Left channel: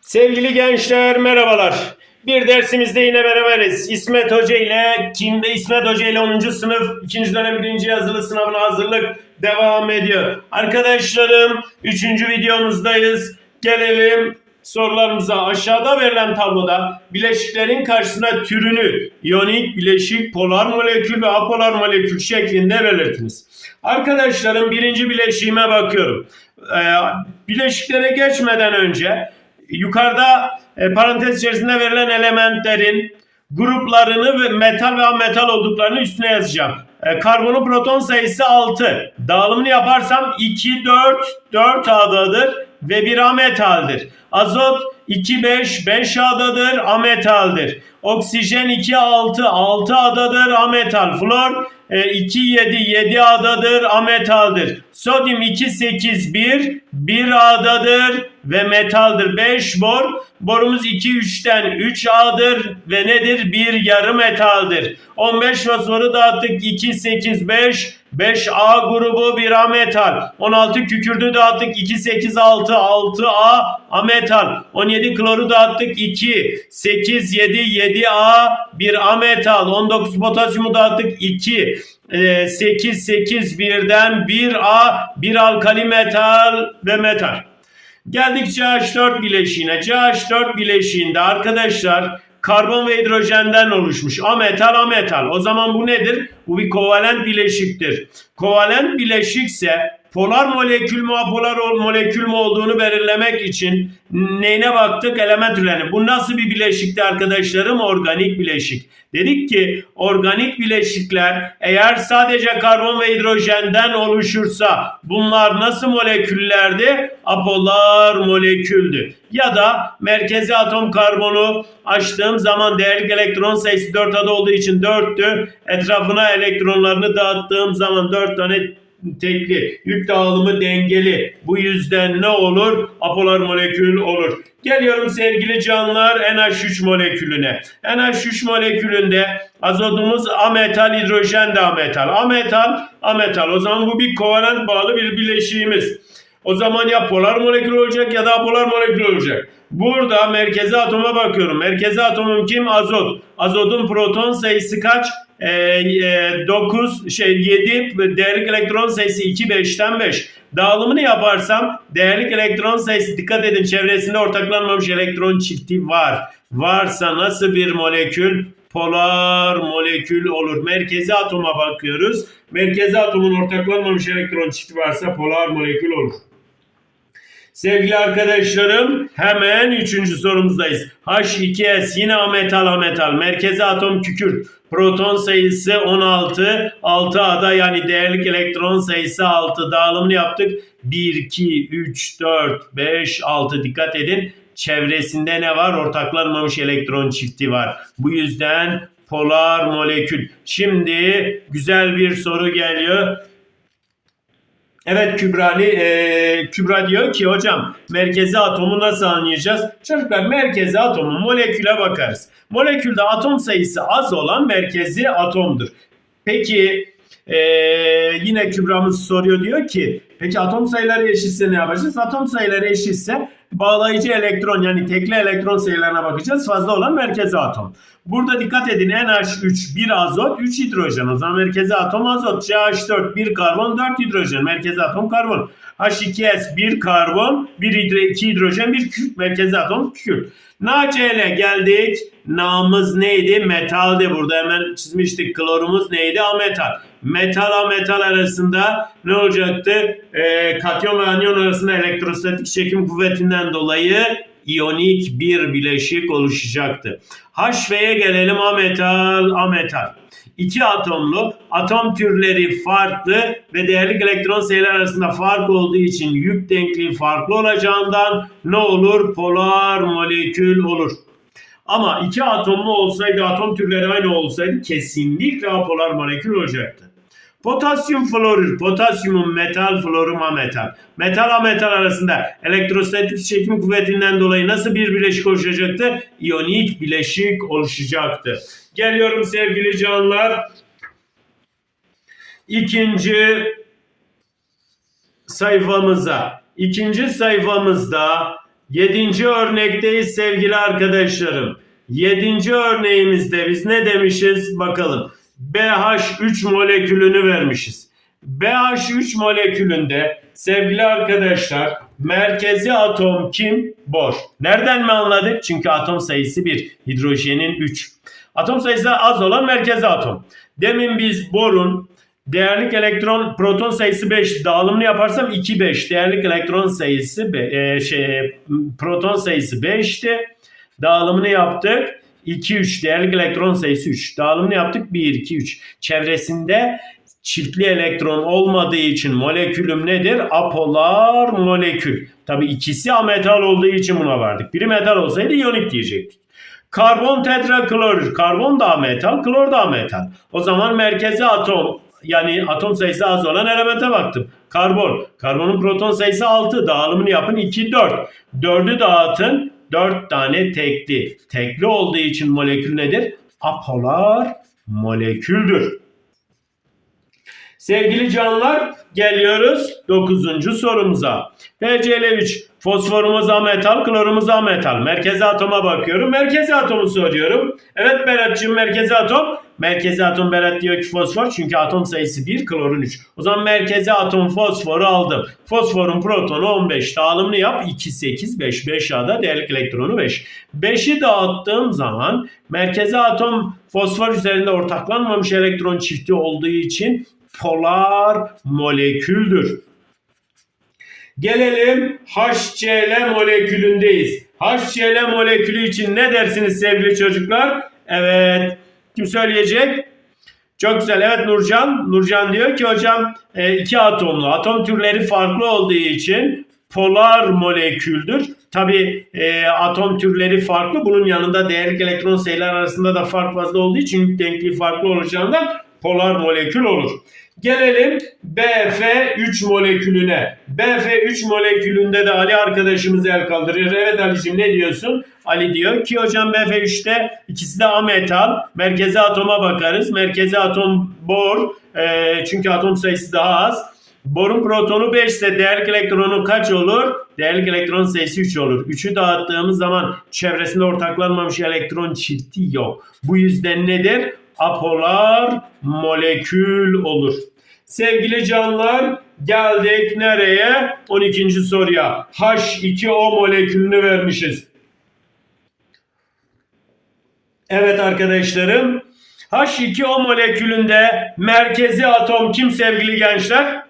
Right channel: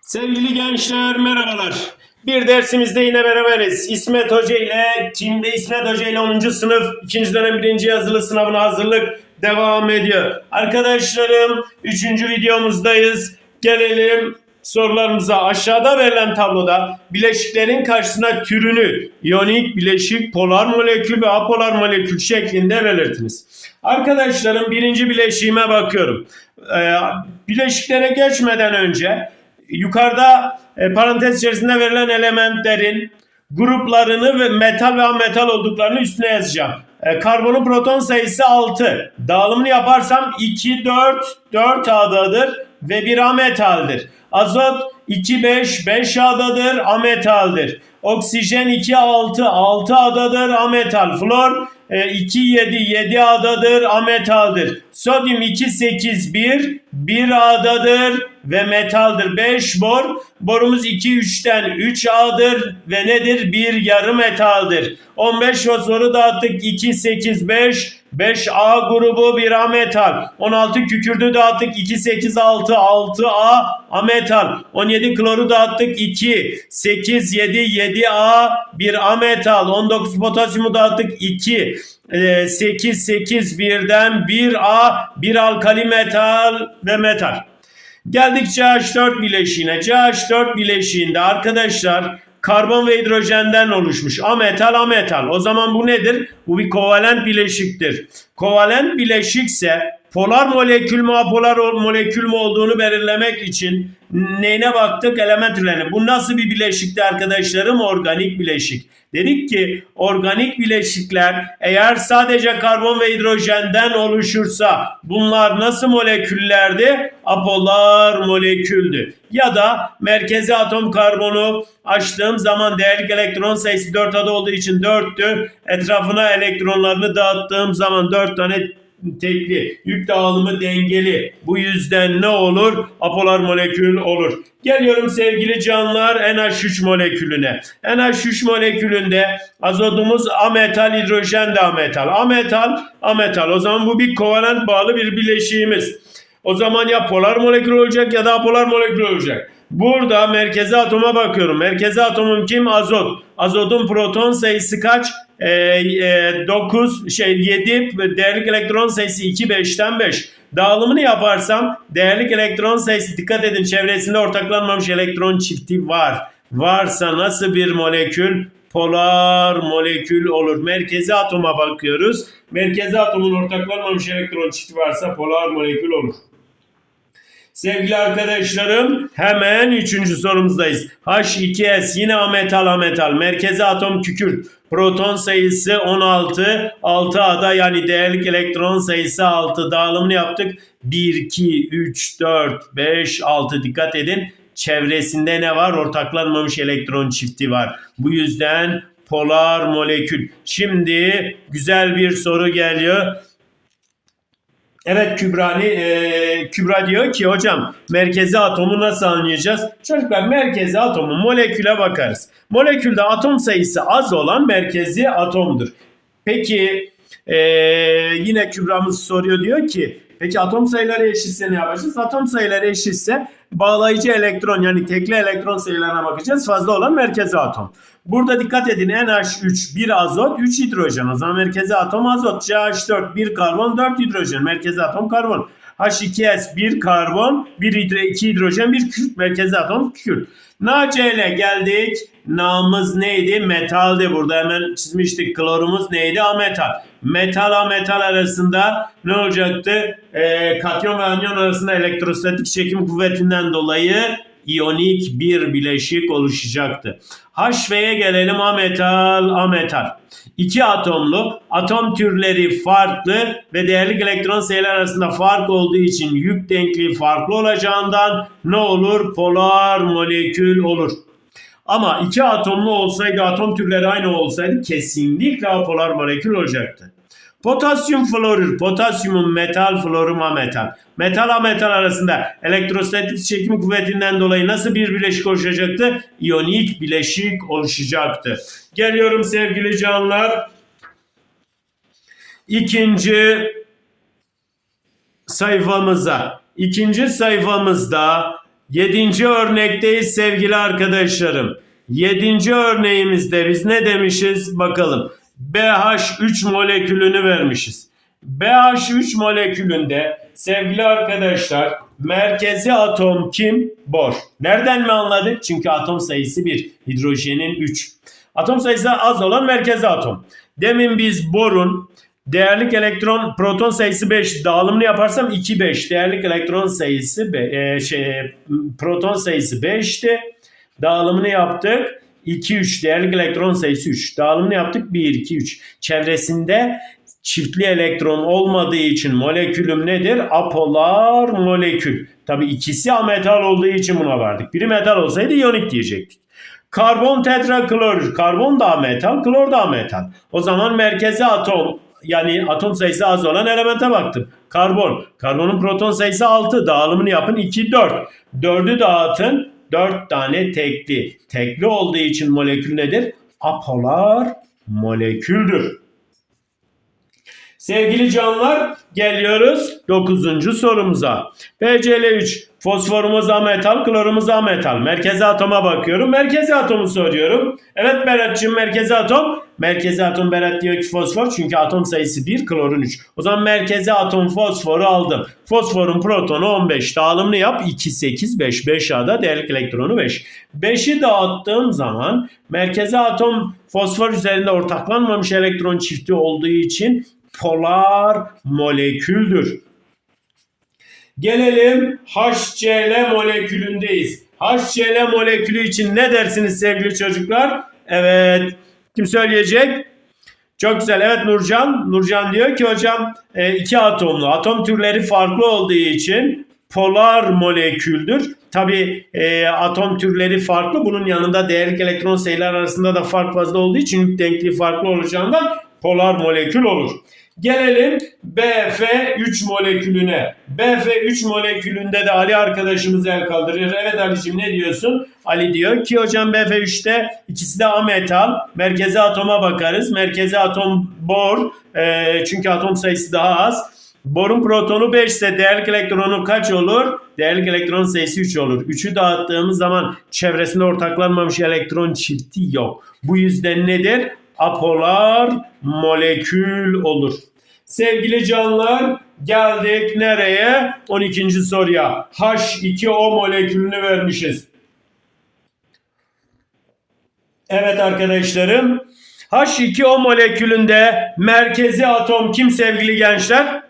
Sevgili gençler merhabalar. Bir dersimizde yine beraberiz. İsmet Hoca ile kimde İsmet Hoca ile 10. sınıf 2. dönem 1. yazılı sınavına hazırlık devam ediyor. Arkadaşlarım 3. videomuzdayız. Gelelim sorularımıza. Aşağıda verilen tabloda bileşiklerin karşısına türünü iyonik, bileşik, polar molekül ve apolar molekül şeklinde belirtiniz. Arkadaşlarım birinci bileşiğime bakıyorum. Ee, bileşiklere geçmeden önce yukarıda e, parantez içerisinde verilen elementlerin gruplarını ve metal ve ametal olduklarını üstüne yazacağım. E, karbonun proton sayısı 6. Dağılımını yaparsam 2, 4, 4 adadır ve bir ametaldir. Azot 2, 5, 5 adadır, ametaldir. Oksijen 2, 6, 6 adadır, ametal. Flor e, 2, 7, 7 adadır, ametaldir. Sodyum 2, 8, 1, 1 adadır ve metaldir. 5 bor, borumuz 2, 3'ten 3 A'dır ve nedir? 1 yarı metaldir. 15 fosforu dağıttık 2, 8, 5, 5A grubu bir A metal. 16 kükürdü dağıttık 2, 8, 6, 6A A metal. 17 kloru dağıttık 2, 8, 7, 7A bir A metal. 19 potasyumu dağıttık 2, 8, 8 birden 1A bir alkali metal ve metal. Geldik CH4 bileşiğine. CH4 bileşiğinde arkadaşlar karbon ve hidrojenden oluşmuş. Ametal ametal. O zaman bu nedir? Bu bir kovalent bileşiktir. Kovalent bileşikse polar molekül mü apolar molekül mü olduğunu belirlemek için neyine baktık? Element türlerine. Bu nasıl bir bileşikti arkadaşlarım? Organik bileşik. Dedik ki organik bileşikler eğer sadece karbon ve hidrojenden oluşursa bunlar nasıl moleküllerdi? Apolar moleküldü. Ya da merkezi atom karbonu açtığım zaman değerlik elektron sayısı 4 adı olduğu için 4'tü. Etrafına elektronlarını dağıttığım zaman 4 tane tekli, yük dağılımı dengeli. Bu yüzden ne olur? Apolar molekül olur. Geliyorum sevgili canlılar NH3 molekülüne. NH3 molekülünde azotumuz ametal, hidrojen de ametal. Ametal, ametal. O zaman bu bir kovalent bağlı bir bileşiğimiz. O zaman ya polar molekül olacak ya da apolar molekül olacak. Burada merkezi atoma bakıyorum. Merkezi atomum kim? Azot. Azotun proton sayısı kaç? Ee, e, 9 şey 7 değerlik elektron sayısı 2 5'ten 5. Dağılımını yaparsam değerlik elektron sayısı dikkat edin çevresinde ortaklanmamış elektron çifti var. Varsa nasıl bir molekül? Polar molekül olur. Merkezi atoma bakıyoruz. Merkezi atomun ortaklanmamış elektron çifti varsa polar molekül olur. Sevgili arkadaşlarım hemen üçüncü sorumuzdayız. H2S yine ametal ametal. Merkezi atom kükürt. Proton sayısı 16. 6A'da yani değerlik elektron sayısı 6. Dağılımını yaptık. 1, 2, 3, 4, 5, 6. Dikkat edin. Çevresinde ne var? Ortaklanmamış elektron çifti var. Bu yüzden polar molekül. Şimdi güzel bir soru geliyor. Evet Kübrali, e, Kübra diyor ki hocam merkezi atomu nasıl anlayacağız? Çocuklar merkezi atomu moleküle bakarız. Molekülde atom sayısı az olan merkezi atomdur. Peki e, yine Kübra'mız soruyor diyor ki peki atom sayıları eşitse ne yapacağız? Atom sayıları eşitse bağlayıcı elektron yani tekli elektron sayılarına bakacağız. Fazla olan merkezi atom. Burada dikkat edin NH3 1 azot 3 hidrojen. O zaman merkezi atom azot. CH4 1 karbon 4 hidrojen. Merkezi atom karbon. H2S 1 karbon 1 hidro 2 hidrojen 1 kükürt. Merkezi atom kükürt. NaCl'e geldik. Na'mız neydi? Metaldi. Burada hemen çizmiştik. Klorumuz neydi? Ametal. Metal ametal arasında ne olacaktı? Ee, katyon ve anyon arasında elektrostatik çekim kuvvetinden dolayı iyonik bir bileşik oluşacaktı. HV'ye gelelim ametal ametal. İki atomlu atom türleri farklı ve değerlik elektron sayıları arasında fark olduğu için yük denkliği farklı olacağından ne olur? Polar molekül olur. Ama iki atomlu olsaydı atom türleri aynı olsaydı kesinlikle apolar molekül olacaktı. Potasyum florür, potasyumun metal, florum ametal. Metal ametal arasında elektrostatik çekim kuvvetinden dolayı nasıl bir bileşik oluşacaktı? İyonik bileşik oluşacaktı. Geliyorum sevgili canlar. İkinci sayfamıza. İkinci sayfamızda Yedinci örnekteyiz sevgili arkadaşlarım. Yedinci örneğimizde biz ne demişiz bakalım. BH3 molekülünü vermişiz. BH3 molekülünde sevgili arkadaşlar merkezi atom kim? Bor. Nereden mi anladık? Çünkü atom sayısı 1, hidrojenin 3. Atom sayısı az olan merkezi atom. Demin biz borun değerlik elektron proton sayısı 5 dağılımını yaparsam 2 5 değerlik elektron sayısı be- e, şey proton sayısı 5'ti. Dağılımını yaptık. 2 3 değerlik elektron sayısı 3. Dağılımını yaptık 1 2 3. Çevresinde çiftli elektron olmadığı için molekülüm nedir? Apolar molekül. Tabi ikisi ametal olduğu için buna vardık. Biri metal olsaydı iyonik diyecektik. Karbon tetraklorür. Karbon da metal, klor da metal. O zaman merkezi atom yani atom sayısı az olan elemente baktım. Karbon. Karbonun proton sayısı 6. Dağılımını yapın 2 4. 4'ü dağıtın 4 tane tekli. Tekli olduğu için molekül nedir? Apolar moleküldür. Sevgili canlar geliyoruz 9. sorumuza. PCl3 fosforumuz ametal, klorumuz ametal. Merkezi atoma bakıyorum. Merkezi atomu soruyorum. Evet Berat'cığım merkezi atom. Merkezi atom Berat diyor ki fosfor çünkü atom sayısı 1, klorun 3. O zaman merkezi atom fosforu aldım. Fosforun protonu 15. Dağılımını yap 2, 8, 5. 5 A'da değerlik elektronu 5. 5'i dağıttığım zaman merkezi atom fosfor üzerinde ortaklanmamış elektron çifti olduğu için polar moleküldür. Gelelim HCl molekülündeyiz. HCl molekülü için ne dersiniz sevgili çocuklar? Evet. Kim söyleyecek? Çok güzel. Evet Nurcan. Nurcan diyor ki hocam e, iki atomlu. Atom türleri farklı olduğu için polar moleküldür. Tabi e, atom türleri farklı. Bunun yanında değerlik elektron sayılar arasında da fark fazla olduğu için denkliği farklı olacağından polar molekül olur. Gelelim BF3 molekülüne. BF3 molekülünde de Ali arkadaşımız el kaldırıyor. Evet Ali'cim ne diyorsun? Ali diyor ki hocam BF3'te ikisi de ametal. Merkezi atoma bakarız. Merkezi atom bor. E, çünkü atom sayısı daha az. Borun protonu 5 ise değerlik elektronu kaç olur? Değerlik elektron sayısı 3 olur. 3'ü dağıttığımız zaman çevresinde ortaklanmamış elektron çifti yok. Bu yüzden nedir? Apolar molekül olur. Sevgili canlar geldik nereye? 12. soruya. H2O molekülünü vermişiz. Evet arkadaşlarım. H2O molekülünde merkezi atom kim sevgili gençler?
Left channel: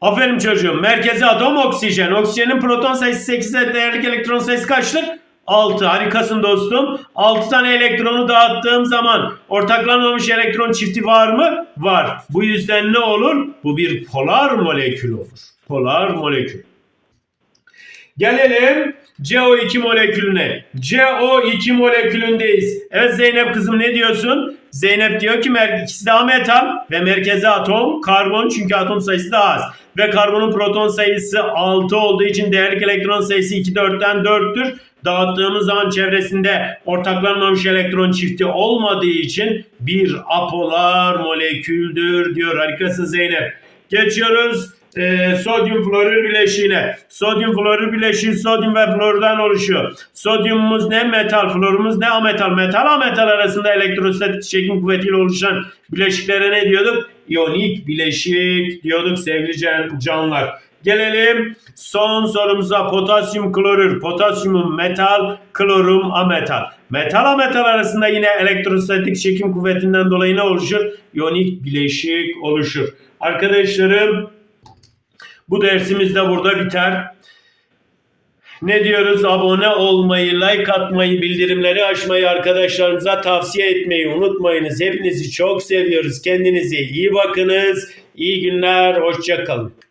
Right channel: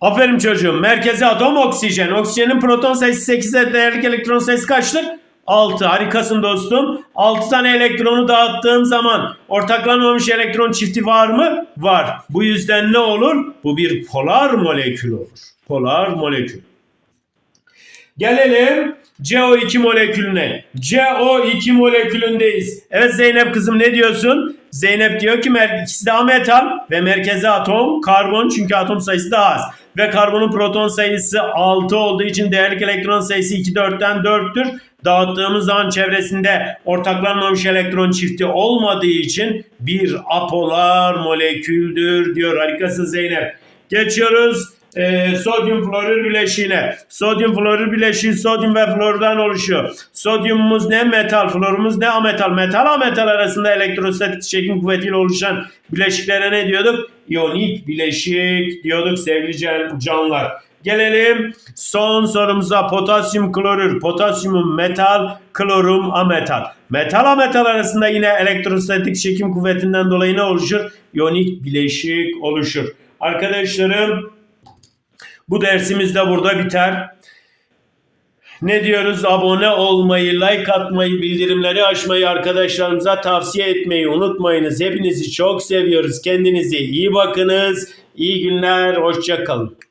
Aferin çocuğum. Merkezi atom oksijen. Oksijenin proton sayısı 8'e değerlik elektron sayısı kaçtır? 6. Harikasın dostum. 6 tane elektronu dağıttığım zaman ortaklanmamış elektron çifti var mı? Var. Bu yüzden ne olur? Bu bir polar molekül olur. Polar molekül. Gelelim CO2 molekülüne. CO2 molekülündeyiz. Evet Zeynep kızım ne diyorsun? Zeynep diyor ki ikisi de metal ve merkezi atom karbon çünkü atom sayısı daha az. Ve karbonun proton sayısı 6 olduğu için değerlik elektron sayısı 2 4'ten 4'tür. Dağıttığımız zaman çevresinde ortaklanmamış elektron çifti olmadığı için bir apolar moleküldür diyor. Harikasın Zeynep. Geçiyoruz e, sodyum florür bileşiğine. Sodyum florür bileşiği sodyum ve flordan oluşuyor. Sodyumumuz ne metal, florumuz ne ametal. Metal ametal arasında elektrostatik çekim kuvvetiyle oluşan bileşiklere ne diyorduk? İyonik bileşik diyorduk sevgili can- canlar. Gelelim son sorumuza potasyum klorür. Potasyumum metal, klorum ametal. Metal ametal arasında yine elektrostatik çekim kuvvetinden dolayı ne oluşur? İyonik bileşik oluşur. Arkadaşlarım bu dersimiz de burada biter. Ne diyoruz? Abone olmayı, like atmayı, bildirimleri açmayı arkadaşlarımıza tavsiye etmeyi unutmayınız. Hepinizi çok seviyoruz. Kendinize iyi bakınız. İyi günler. Hoşça kalın.